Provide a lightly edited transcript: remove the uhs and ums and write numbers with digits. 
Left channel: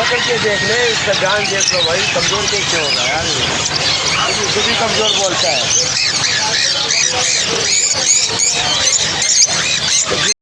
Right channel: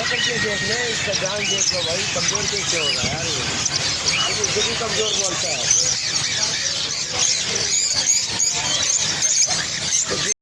पकड़ के देख ले, इसका जान देख लो भाई, कमजोर कैसे होगा यार, ये खुद ही कमजोर बोलता है।